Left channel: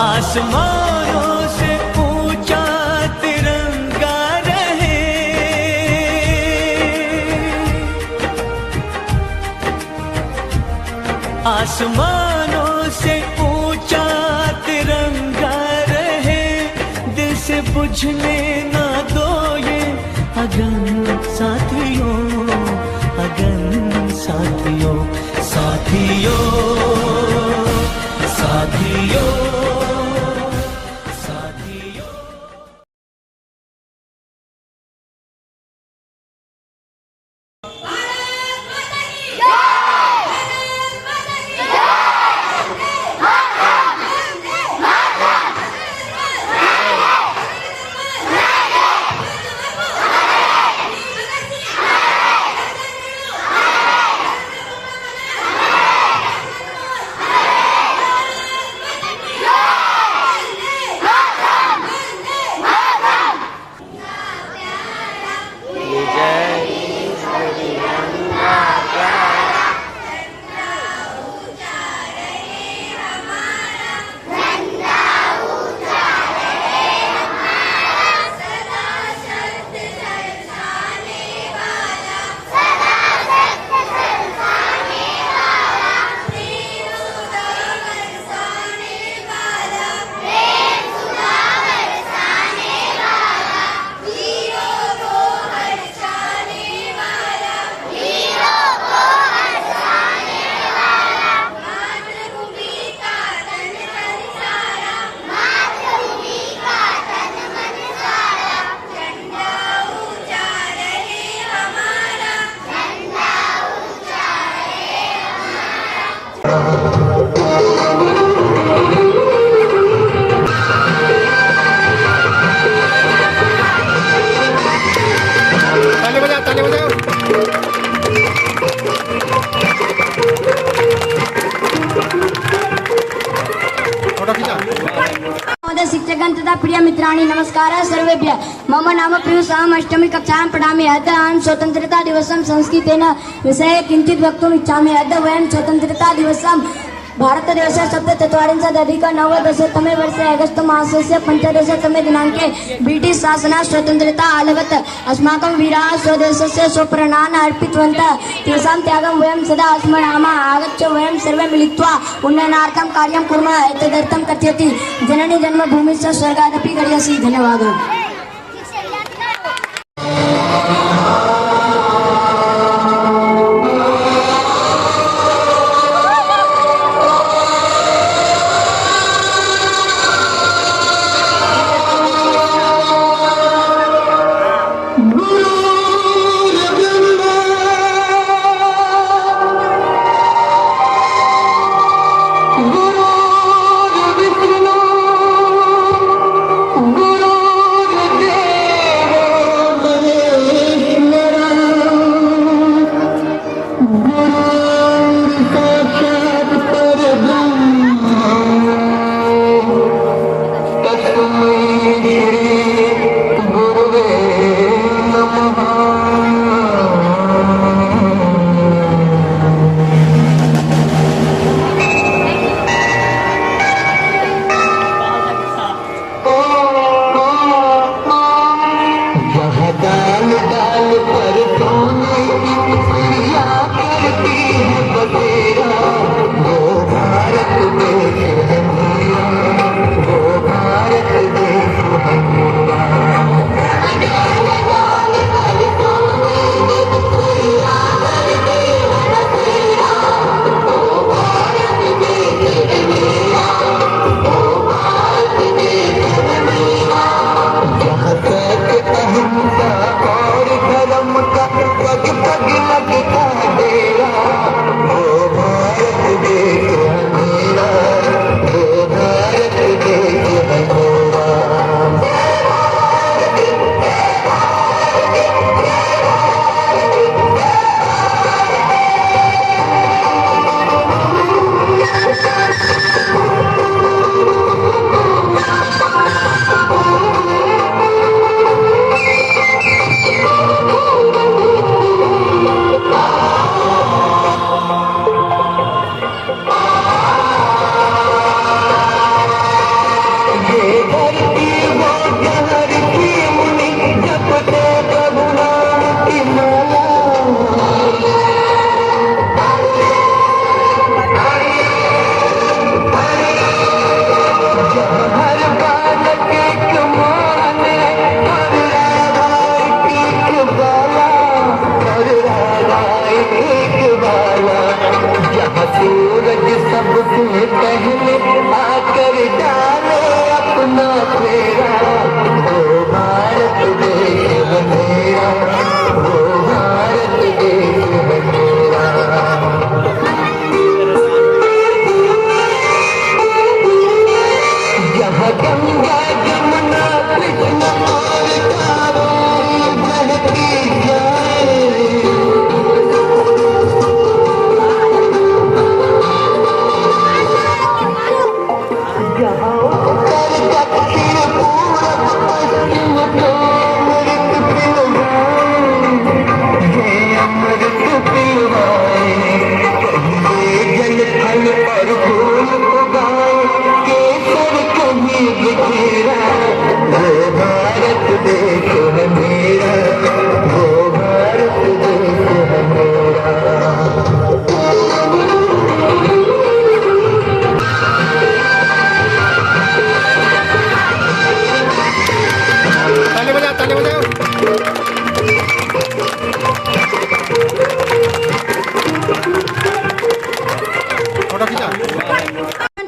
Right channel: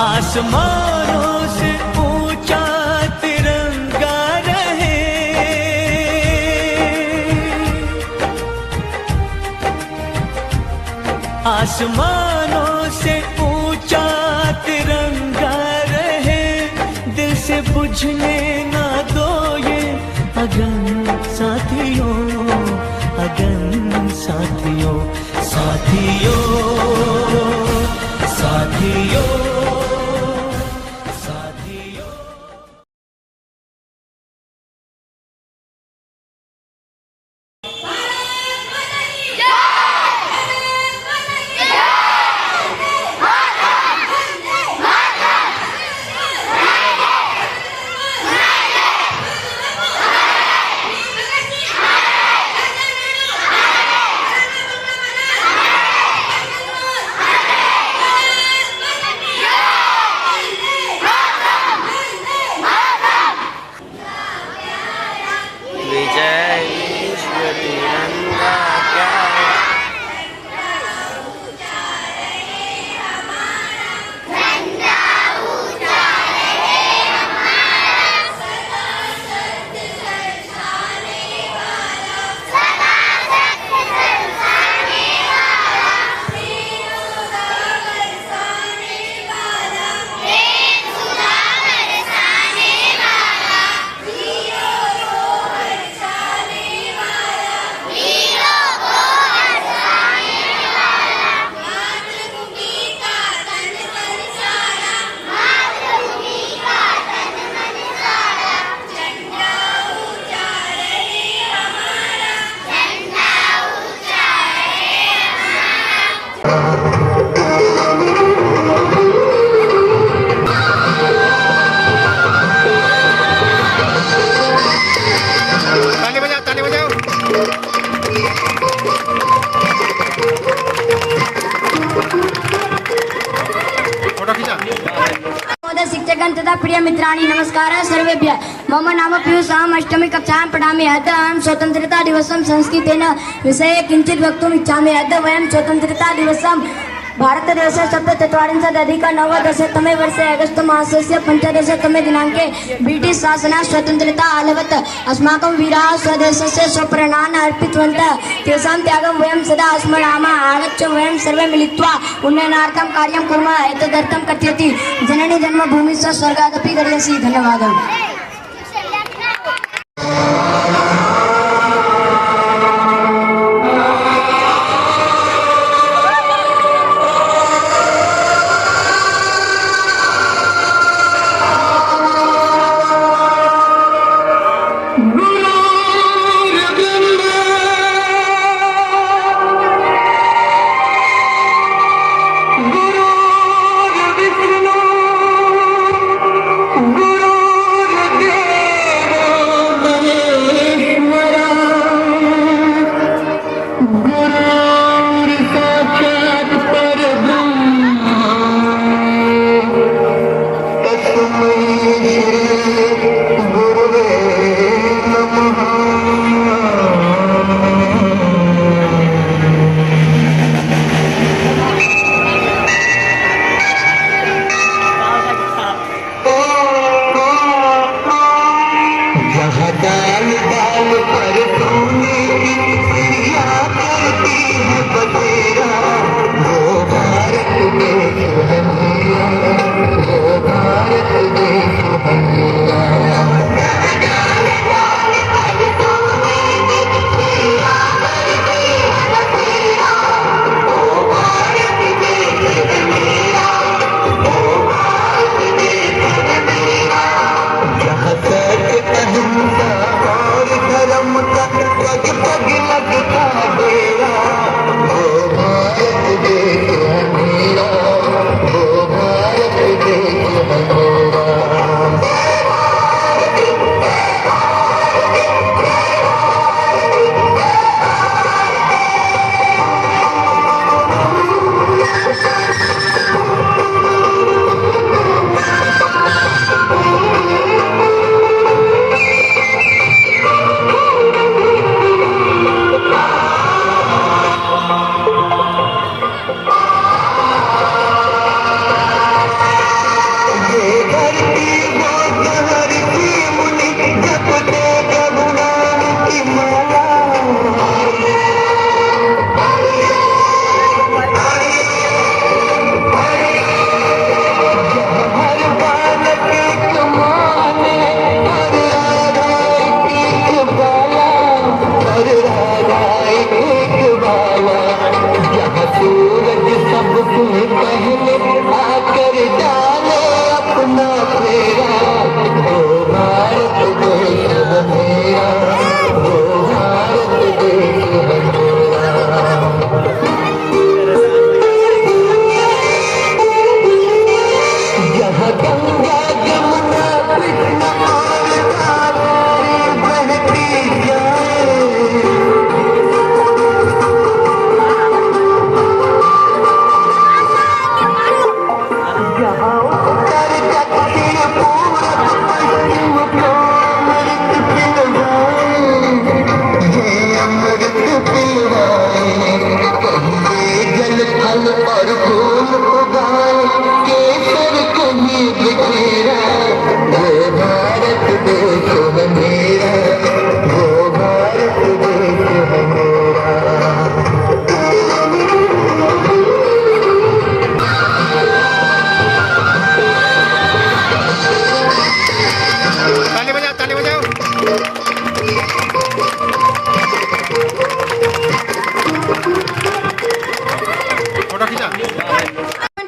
आसमानों से ऊंचा तिरंगा रहे, आसमानों से ऊंचा तिरंगा रहे, दिल से बुझने ना दो ये अगन साथियों, अगन साथियों, साथियों, साथियों, साथियों। विजय विश्व तिरंगा जय। ताली बजाओ। फोटो खींचा। शिक्षकगण तथा प्रिय मित्राणि नमस्कारः सर्वेभ्यः। मम नाम पीयूष, अहम् अष्टमी कक्षायां पठामि। अद्य अहं स्वतन्त्रता दिवसं संस्कृतेन विषये किञ्चित् वक्तुम् इच्छामि। अद्य वयं स्वतन्त्रता दिवसं भारतदेशे 17अधिक-9तमे वर्षे अगस्त मासस्य 15तमे दिनाङ्के ब्रिटिश शासनात् स्वतन्त्रता आलभत। अस्माकं वीराः स्वदेशस्य स्वप्राणान् अर्पितवन्तः, तेषां त्यागं वयं सदा स्मरामः। आगच्छ वयं सर्वे मिलित्वा उन्नयनार्थं कार्यं कुर्मः। एतदर्थं कथयति जननी जन्मभूमिश्च स्वर्गादपि गरीयसी। धन्यवादः। ताली बजाओ। फोटो खींचा।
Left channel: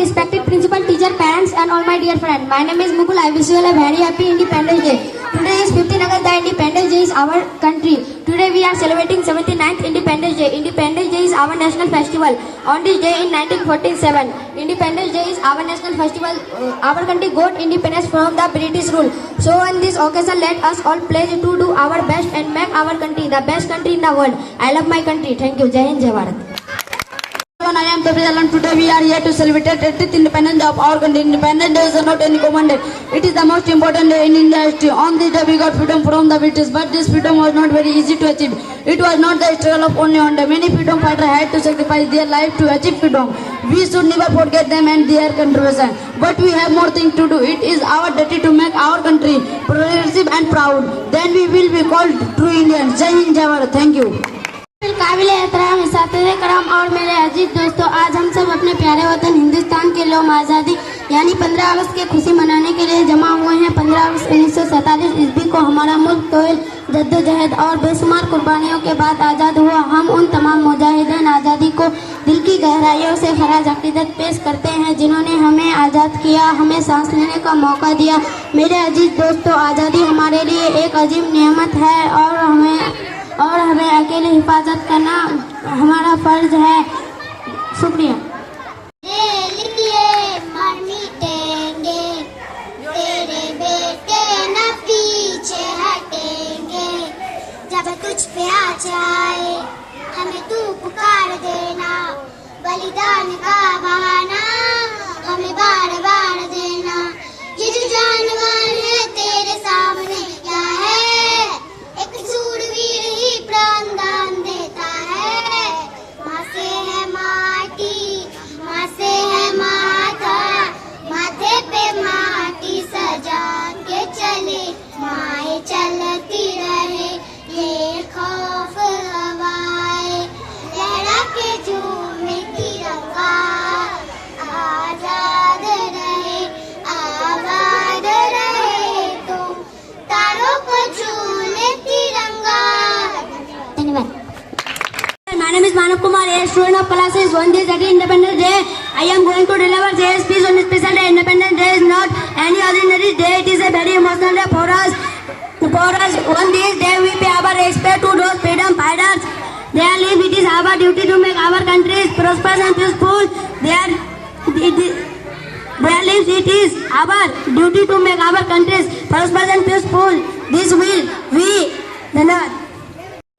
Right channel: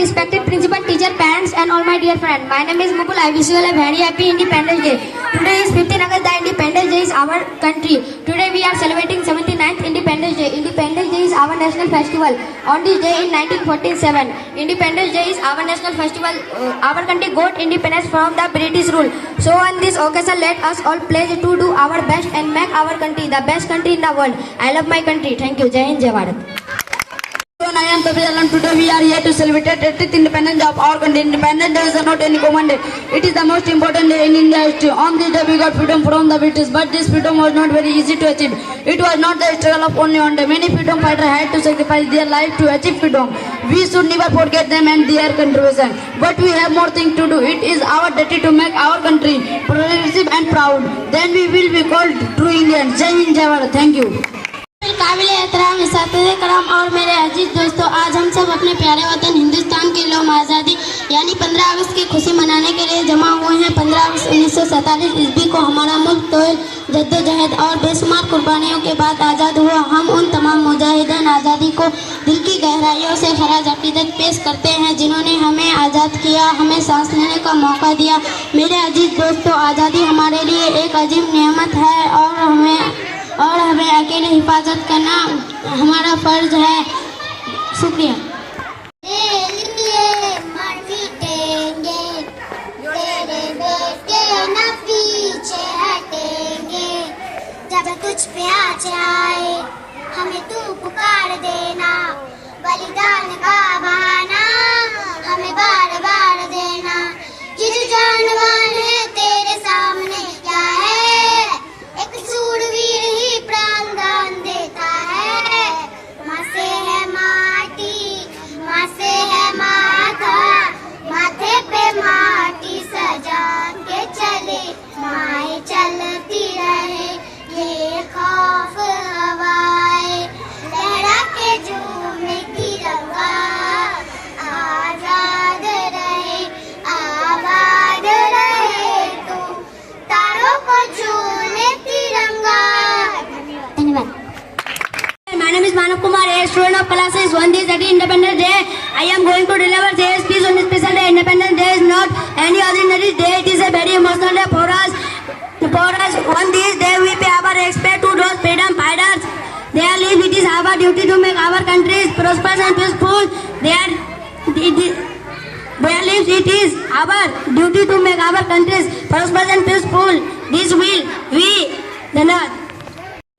Respected principal, teacher, parents, and all my dear friends. My name is Mukul. I wish you all a very happy Independence Day. Today is 15 August. The Independence Day is our country. Today we are celebrating 79th Independence Day. Independence Day is our national festival. On this day in 1947, Independence Day is our national festival. Our country got independence from the British rule. So on this occasion, let us all pledge to do our best and make our country the best country in the world. I love my country. Thank you. Jai Hind, Jai Bharat. I am Kavi Alam. Today we are here to celebrate the 30th independence of our country. Independence Day is not any common day. It is the most important day in India history. On this day we got freedom from the British, but this freedom was not very easy to achieve. It was not the struggle of only one day. Many freedom fighters had to sacrifice their life to achieve freedom. We should never forget them and their contribution. But we have more things to do. It is our duty to make our country progressive and proud. Then we will be called true Indians. Jai Hind, Jai Bharat. Thank you. काबिल एहतराम इसातिज़े कराम और मेरे अजीज दोस्तों, आज हम सब अपने प्यारे वतन हिंदुस्तान के लोग आज़ादी यानी 15 अगस्त की खुशी मनाने के लिए जमा हुए हैं। 15 अगस्त 1947 ईस्वी को हमारा मुल्क तो जद्दोजहद और बेशुमार कुर्बानियों के बाद आज़ाद हुआ। हम उन तमाम मुजाहिदीन आज़ादी को दिल की गहराइयों से खराज अकीदत पेश करते हैं जिन्होंने हमें आज़ाद किया, हमें सांस लेने का मौका दिया। मेरे अजीज दोस्तों, आज़ादी हमारे लिए एक अजीब नेमत है और हमें अकेले हिफाजत करना हमारा फर्ज है। शुक्रिया। जब तुझ पे आज आए हमें तू पुकार देना, बलिदान का बहाना हमें बार बार देना। ये जो जानवान है तेरे सामने क्या है, एक सूरवीर ही प्राण दान देता है। माँ से है माटी, माँ से है माथा, माथे पे माटी सजा के चले, माए चलती रहे ये खौफ हवाएं, लहरा के झूमे तिरंगा, आजाद रहे आबाद रहे तुम, तारों को झूले तिरंगा। धन्यवाद। My name is Manav Kumar, a student of classes 1 this Independence Day. I am going to deliver this speech on this special day. Independence Day is not any ordinary day. It is a very emotional day for us. On this day, we pay our respect to those freedom fighters. Their lives, it is our duty to make our country prosperous and peaceful. Their lives, it is our duty to make our country prosperous and peaceful. This will we.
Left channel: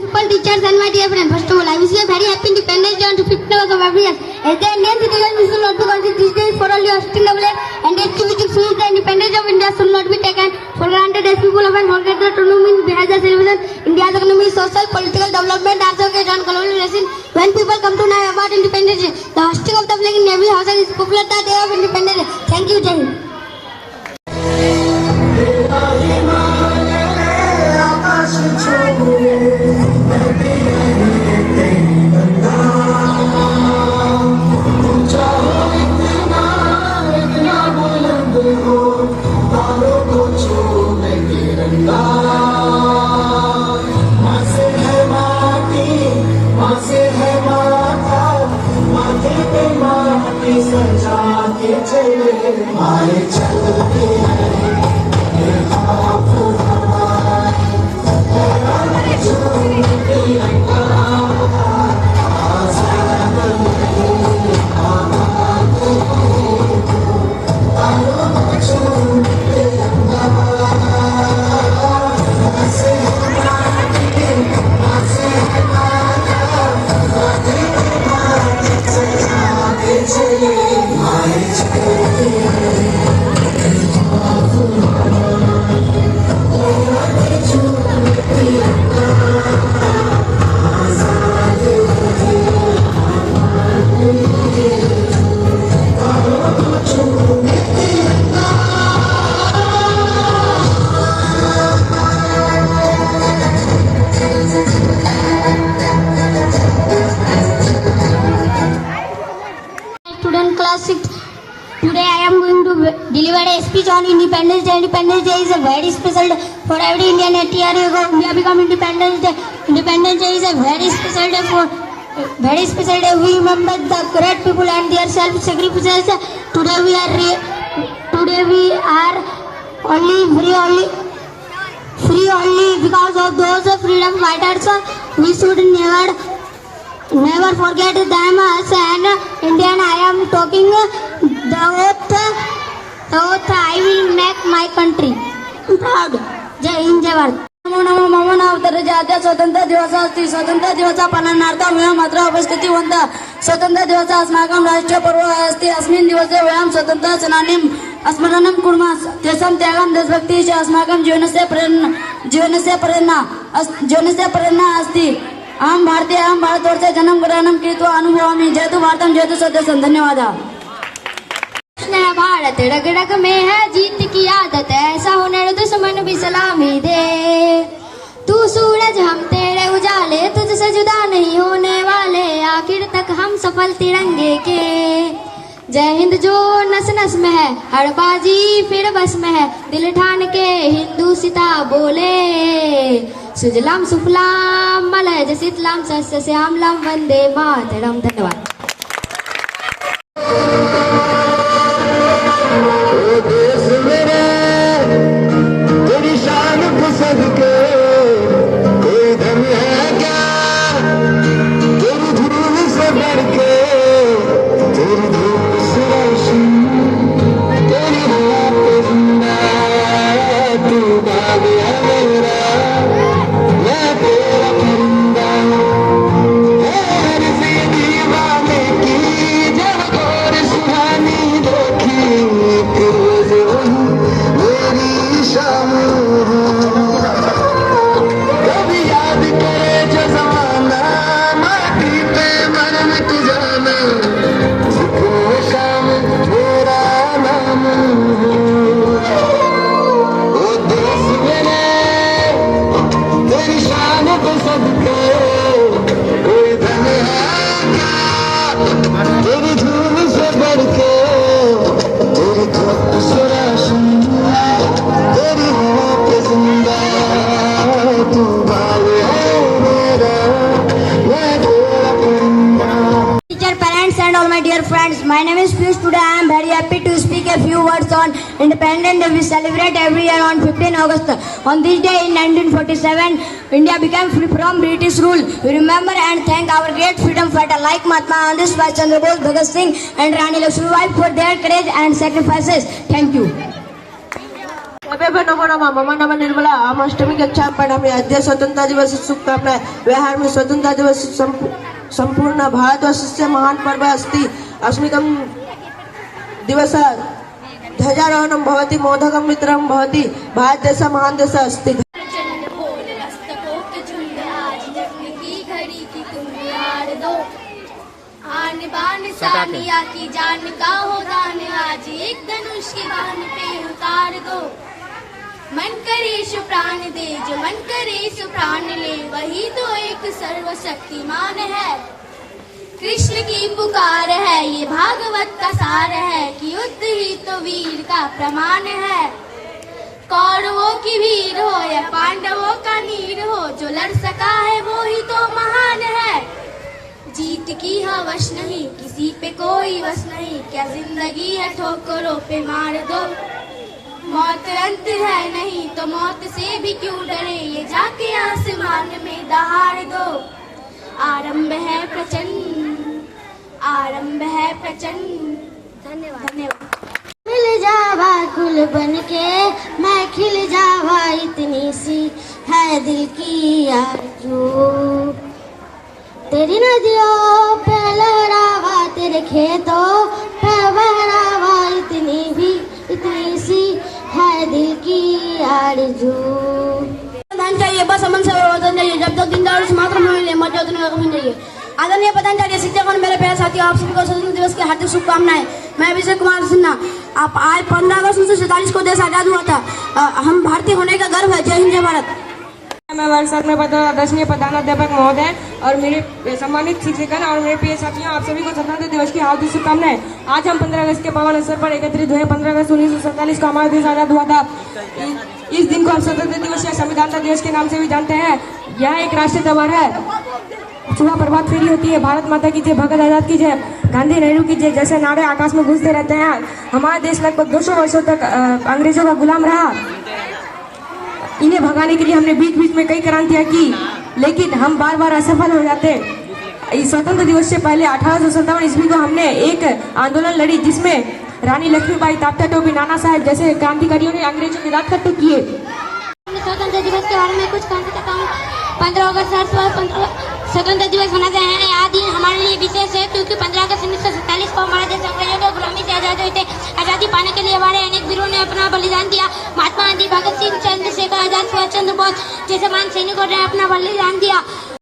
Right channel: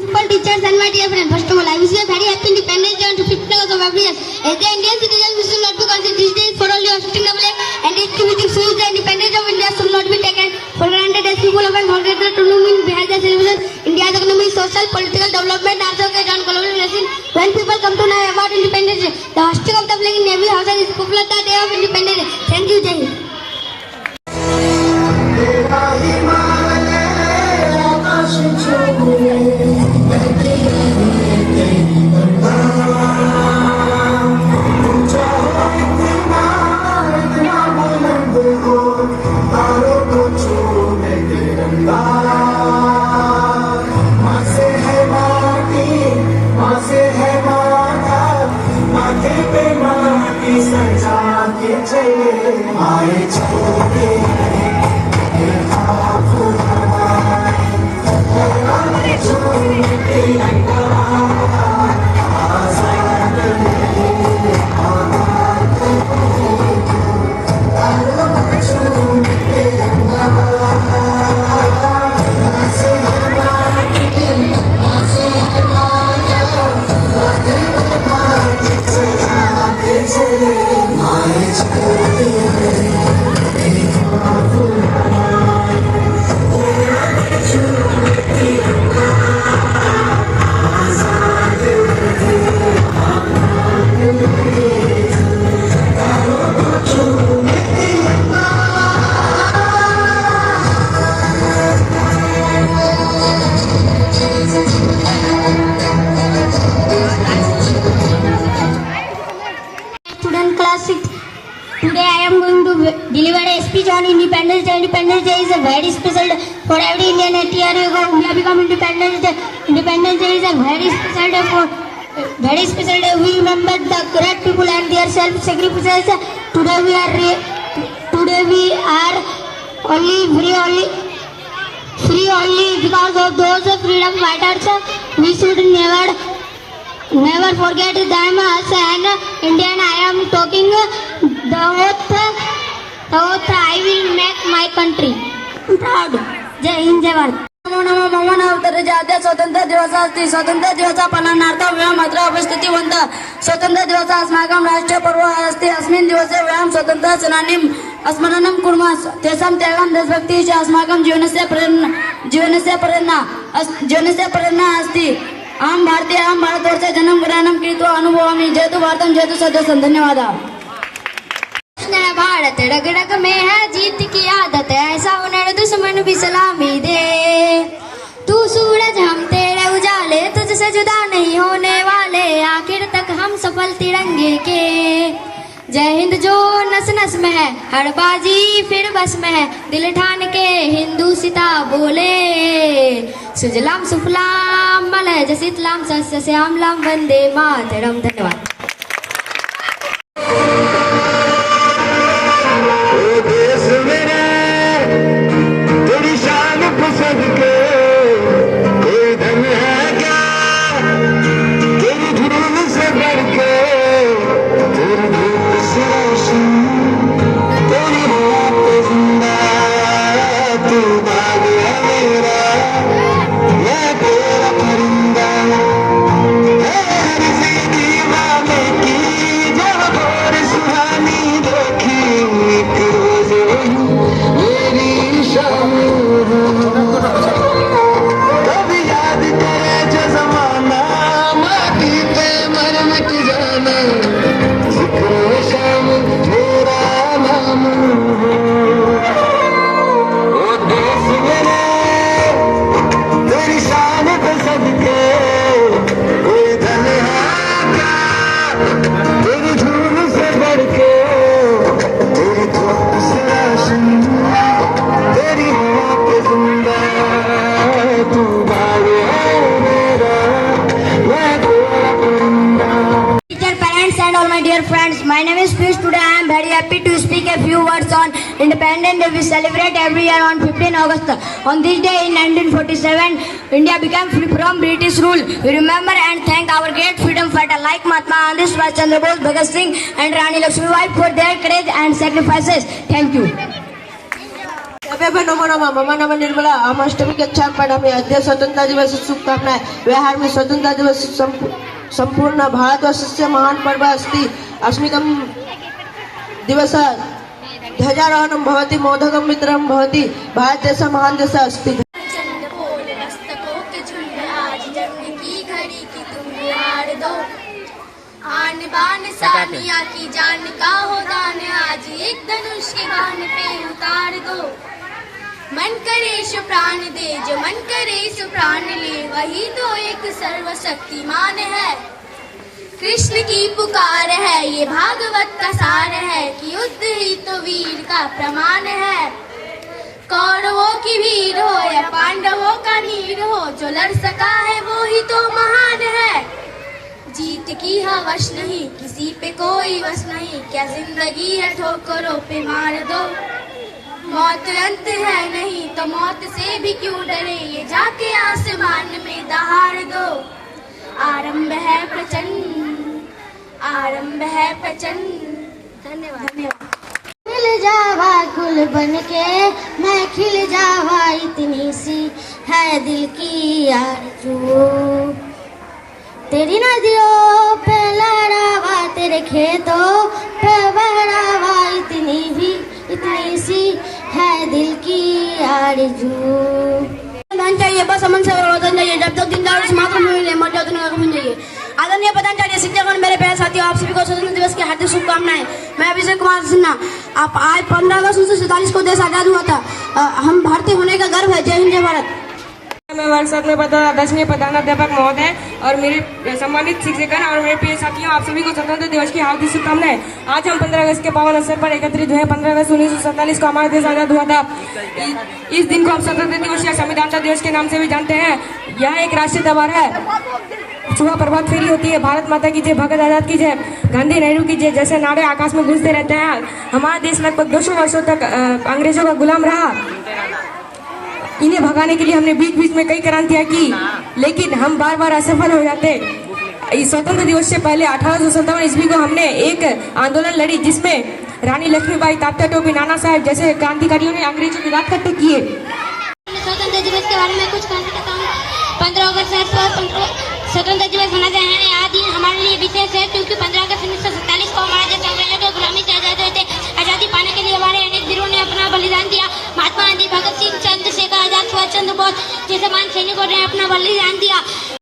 Principal, teachers, and my dear friends, first of all, I wish you a very happy Independence Day on the 15th August of every year. As the Indian citizens, we should not to consider this day for only hosting a flag and activities to the independence of India should not be taken for granted. As people often forget the true meaning behind the celebration, India's economy, social, political development, also get on collaboration. When people come to know about Independence Day, the hosting of the flag in every house is popular the day of Independence Day. Thank you, Jai Hind. I delivered a speech on Independence Day. Independence Day is a very special day for every Indian. 80 years ago, India became Independence Day. Independence Day is a very special day for very special day. We remember the great people and their self-sacrifices. Today we are only free only because of those freedom fighters. We should never forget them. As an Indian, I am talking the oath I will make my country proud. Jai Hind, Jai Bharat. Namo Namo मम नावतरजाते स्वतंत्र दिवसस्ति स्वतंत्र दिवस पालनार्थं वयम् अत्र उपस्थितिवन्तः स्वतंत्र दिवस अस्माकं राष्ट्रीयपर्व अस्ति अस्मिन् दिवसे वयं स्वतंत्र सेनानीं स्मरणं कुर्मः तेषां त्यागं देशभक्तिः च अस्माकं जीवनस्य प्रेरणा अस्ति अहं भारतीय अहं भारतवर्षे जन्म ग्रहणं कृत्वा अनुभवामि जयतु भारतं जयतु स्वदेशं धन्यवादः भारत रग रग में है जीत की आदत ऐसा हुनर दुश्मन भी सलामी दे तू सूरज हम तेरे उजाले तुझसे जुदा नहीं होने वाले आखिर तक हम सफल तिरंगे के जय हिंद जो नस नस में है हर बाजी फिर बस में है दिल ठान के हिंदू सिता बोले सुजलाम सुफलाम मलय शीतलाम सस्य श्यामलाम वंदे मातरम धन्यवाद Independence Day we celebrate every year on 15 August. On this day in 1947, India became free from British rule. We remember and thank our great freedom fighter like Mahatma Gandhi, Subhash Chandra Bose, Bhagat Singh and Rani Lakshmibai for their courage and sacrifices. Thank you. नमो नमः मम नाम निर्मला हम अष्टमी कक्षा पढ़ामी अद्य स्वतंत्रता दिवस शुभकामनाएं बिहार में स्वतंत्रता दिवस संपूर्ण भारतवर्षस्य महान पर्व अस्ति अस्मिकं दिवस ध्वजारोहणं भवति मोदकं वितरणं भवति भारत देश महान देश अस्ति आन बान सानिया की जान का हो दान आज एक धनुष के बाण पे उतार दो मन करे सो प्राण दे जो मन करे सो प्राण ले वही तो एक सर्वशक्तिमान है कृष्ण की पुकार है ये भागवत का सार है कि युद्ध ही तो वीर का प्रमाण है कौरवों की वीर हो या पांडवों का नीर हो जो लड़ सका है वो ही तो महान है जीत की हवस नहीं किसी पे कोई वश नहीं क्या जिंदगी है ठोकरों पे मार दो मौत अंत है नहीं तो मौत से भी क्यों डरे ये जाके आसमान में दहाड़ दो आरंभ है प्रचंड धन्यवाद खिल जावा गुल बन के मैं खिल जावा इतनी सी है दिल की आरज़ू तेरी नदियों पे लहरावा तेरे खेतों पे बहरावा इतनी सी है दिल की आरज़ू चाहिए बस अमन से वतन चाहिए जब तक जिंदा समाप्त होने मर जाओ दुनिया को चाहिए आदरणीय प्रधानाचार्य शिक्षक मेरे प्यारे साथियों आप सभी को स्वतंत्रता दिवस की हार्दिक शुभकामनाएं मैं विजय कुमार सिन्हा आप आज 15 अगस्त 1947 को देश आजाद हुआ था हम भारतीय होने का गर्व है जय हिंद जय भारत मैं वर्षा में आदरणीय प्रधानाध्यापक महोदय और मेरे सम्मानित शिक्षक और मेरे प्रिय साथियों, आप सभी को स्वतंत्रता दिवस की हार्दिक शुभकामनाएं। आज हम 15 अगस्त के पावन अवसर पर एकत्रित हुए। 15 अगस्त 1947 को हमारा देश आजाद हुआ था। इस दिन को हम स्वतंत्रता दिवस या संविधान दिवस के नाम से भी जानते हैं। यह एक राष्ट्रीय त्योहार है। सुबह प्रभात फेरी होती है, भारत माता की जय, भगत आजाद की जय, गांधी नेहरू की जय जैसे नारे आकाश में गूंजते रहते हैं। हमारा देश लगभग 200 वर्षों तक अंग्रेजों का गुलाम रहा। इन्हें भगाने के लिए हमने बीच बीच में कई क्रांतियां की, लेकिन हम बार बार असफल हो जाते। इस स्वतंत्र दिवस से पहले 1857 ईस्वी को हमने एक आंदोलन लड़ी, जिसमें रानी लक्ष्मीबाई, तात्या टोपे, नाना साहेब जैसे क्रांतिकारियों ने अंग्रेजों के खिलाफ इकट्ठे किए। स्वतंत्रता दिवस के बारे में कुछ कहना चाहता हूँ। 15 अगस्त स्वतंत्रता दिवस मनाते हैं। आज दिन हमारे लिए विशेष है क्योंकि 15 अगस्त 1947 को हमारे देश अंग्रेजों की गुलामी से आजाद हुए थे। आजादी पाने के लिए हमारे अनेक वीरों ने अपना बलिदान दिया। महात्मा गांधी, भगत सिंह, चंद्रशेखर आजाद, सुभाष चंद्र बोस जैसे महान सैनिकों ने अपना बलिदान